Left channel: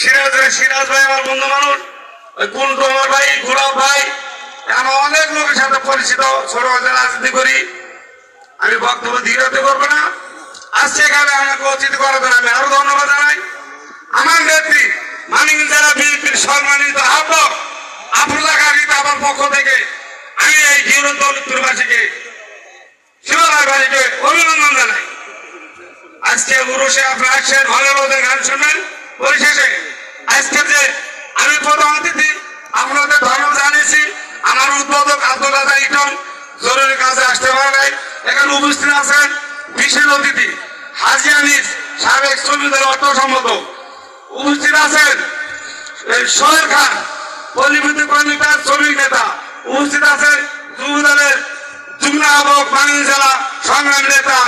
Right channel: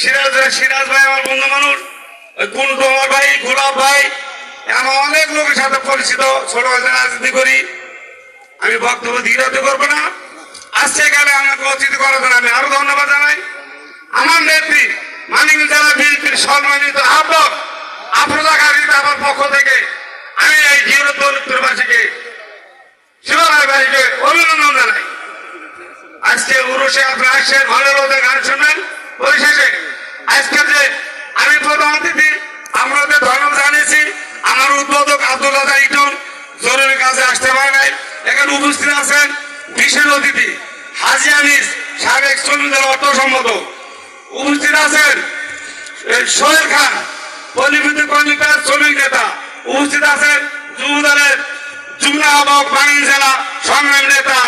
সিরাজ ভাই আমার বন্ধু মানুষ, কুন্টু আমার ভাই, গুলাব ভাই, আমার অনেক লোকের সাথে পরিচিত, ছোটবেলা রাজনীতি করি। আমি বক্তব্য দীর্ঘায়িত করবো না। আজকে এখানে আমাকে অতিথি করার জন্য আমি আরো ধন্যবাদ জানাই। আমার নেত্রী মানিক জেলা বিএনপির সম্মানিত আহ্বায়ক আফরোজা গাজীতে আমার পক্ষ থেকে আমি এই দলিতবাসীকে অভিনন্দন জানাই। আজকে উরুষে আপনার আসছেন, ভালো গান শুনবেন। পরিশেষে আজকে যে আমি প্রধান অতিথি আপনাদের ধন্যবাদ জানিয়েছি। আমার উদ্বোধক আব্দুল রাজা ইটন জরুরি কাজে আসতে পারে নাই। এখানে উপস্থিত আছেন বিশেষ অতিথি হাজি আনিস, সাবেক শ্রমিক দল অর্থ সম্পাদক। উপস্থিত আছেন সোহেল খান, পল্লীবিদ্যুৎ কর্মীদের শ্রমিক নেতা। উপস্থিত আছেন যুব দলের যুগ্ম আহ্বায়ক বাংলা জেলা সংগ্রামী নেতা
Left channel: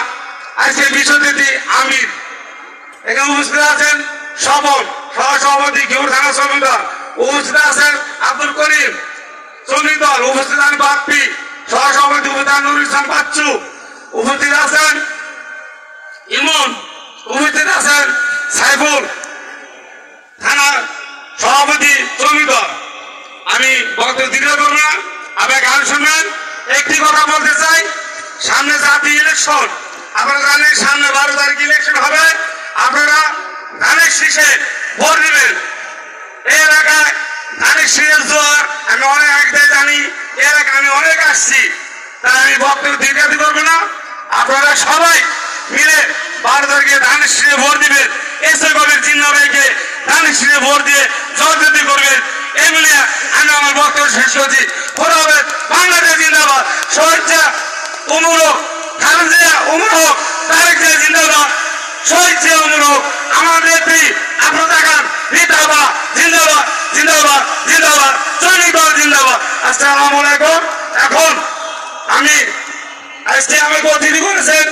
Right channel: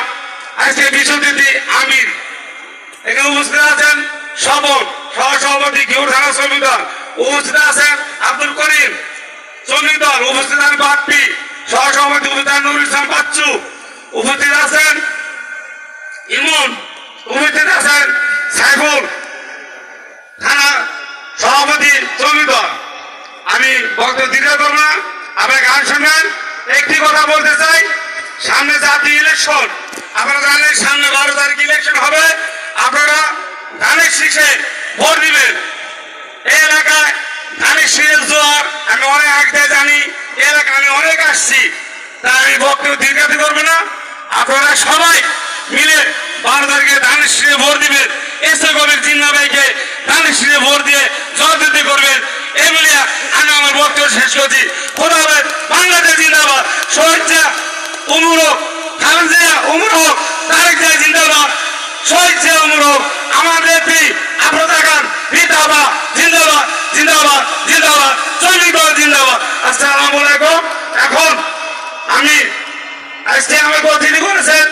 আজকে বিশেষ অতিথি আমির। এখানে উপস্থিত আছেন স্বপন, সহসভাপতি ঘিউর থানা শ্রমিক দল। উপস্থিত আছেন আব্দুল করিম, শ্রমিক দল। উপস্থিত আছেন বাপ্পি, সহসভাপতি উপদান নুরুল ইসলাম বাচ্চু। উপস্থিত আছেন ইমন। উপস্থিত আছেন সাইফুল, থানা সভাপতি শ্রমিক দল। আমি বক্তব্য দীর্ঘ করব না, আপনারা গান শুনবেন। একটি কথা বলতে চাই, সামনে জাতীয় ইলেকশন, আপনারা জানেন সামনে 12 তারিখ ইলেকশন হবে। আপনারা ধানের শীষে ভোট দিবেন। এই এলাকায় ধানের শীষের জোয়ার আমি অনেক আগে জানি, এলাকায় আমি অনেক আসছি, তাই আমি বক্তব্য দীর্ঘায়িত করবো না। আপনারা সবাই মিলে 12 তারিখে ধানের শীষে ভোট দিবেন। এসে কবির জিন্না ভাইকে ধানের শীষে ভোট দিয়ে জয়যুক্তি করবেন। এই মিলে আমি আমার বক্তব্য শেষ করছি। বাংলাদেশ জিন্দাবাদ, শহীদ উমর হোক, খালেদা উমর হোক, তারেক জিয়া জিন্দাবাদ, শহীদ জিয়া উমর হোক, আমার নেত্রী আফরোজা খান জিন্দাবাদ, জিন্দাবাদ, জিন্দাবাদ, জিন্দাবাদ, শ্রমিক দল জিন্দাবাদ। আসসালামু আলাইকুম। এখন আমি আজকে আমাকে অতিথি করেছেন,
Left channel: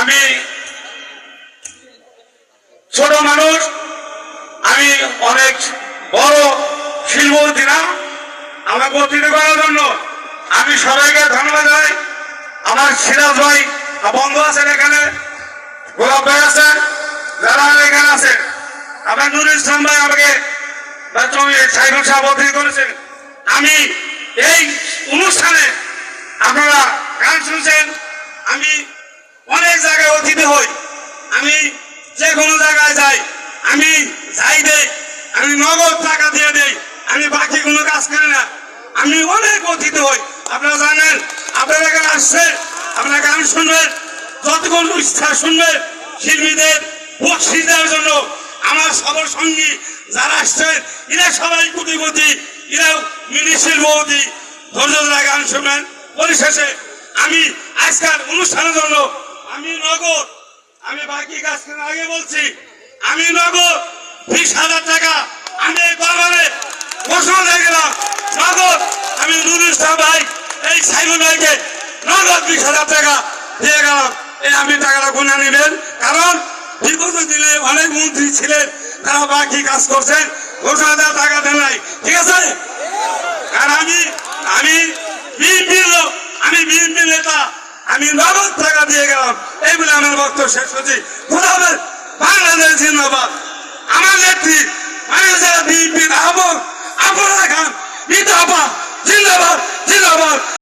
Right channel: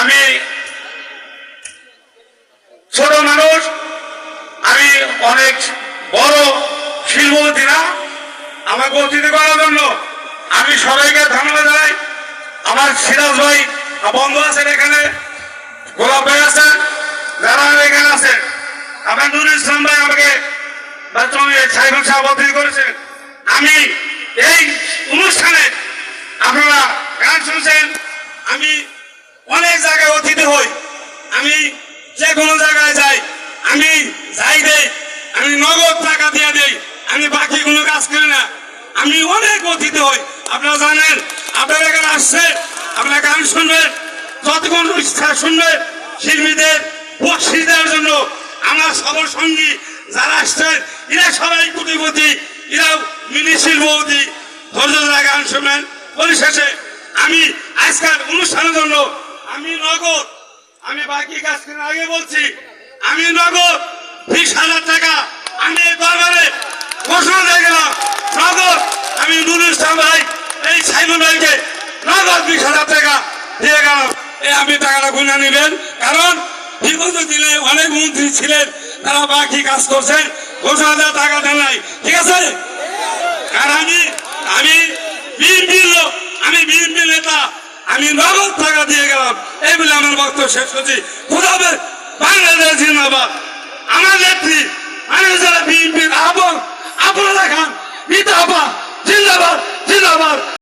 আমি ছোট মানুষ, আমি অনেক বড় শিল্পপতি না। আমাকে অতিথি করার জন্য আমি সবাইকে ধন্যবাদ জানাই। আমার সিরাজ ভাই বন্ধু আছেন, এখানে গোলাপ ভাই আছেন, যারা এখানে আছেন। আমার নুরুল ইসলাম ভাই আমাকে সাইফুল সাহেব অতিথি করেছেন। আমি এই অনুষ্ঠানে আপনারা গান শুনছেন, আমি অনেক জায়গায় অতিথি হই, আমি যে কোনো জায়গায় যাই, আমি যাই দেই, আমি নগদ টাকা দিয়ে দেই, আমি বাকি কোনো কাজ করি না। আমি অনেক অতিথি হই, আপনারা জানেন। আপনারা এখানে আসছে, আপনারা গান শুনবেন, যতক্ষণ ইচ্ছা শুনবেন। শিল্পীদের বকশিশ দেওয়ার জন্য আমার সদর সঙ্গী যারা আসছেন, এরা সবাই কোটিপতি, এরাও মিনি শিল্পপতি। ধৈর্য ধরে গান শুনবেন। পরিশেষে আমি আজকের অনুষ্ঠানের জন্য আমি নগদ, আমি বাকি কাজ করে আগে বলছি, আমি নগদ 20,000 টাকা আমি এই দরবারে ঘোষণা দিয়ে গেলাম। নগদ আমি নুরুল ইসলাম ভাই, এই সাইমন ভাইকে নগদ 20,000 টাকা দিয়ে গেলাম। আমি টাকাটা গুণা নেবেন, কারণ বিগত দিনে অনেক মন্ত্রী ছিলেন, তারা বাকি কাজ করছেন, 20,000 টাকা দেন নাই। ঠিক আছে? কারণ আমি বিএনপির লোক, আমি বিএনপি নেতা, আমি নগদ টাকা দিয়ে গেলাম। এই বলে আমার বক্তব্য শেষ করছি। বাংলাদেশ জিন্দাবাদ। আমার নেত্রী বিএনপির আহ্বায়ক আফরোজা খান জিন্দাবাদ, জিন্দাবাদ, জিন্দাবাদ।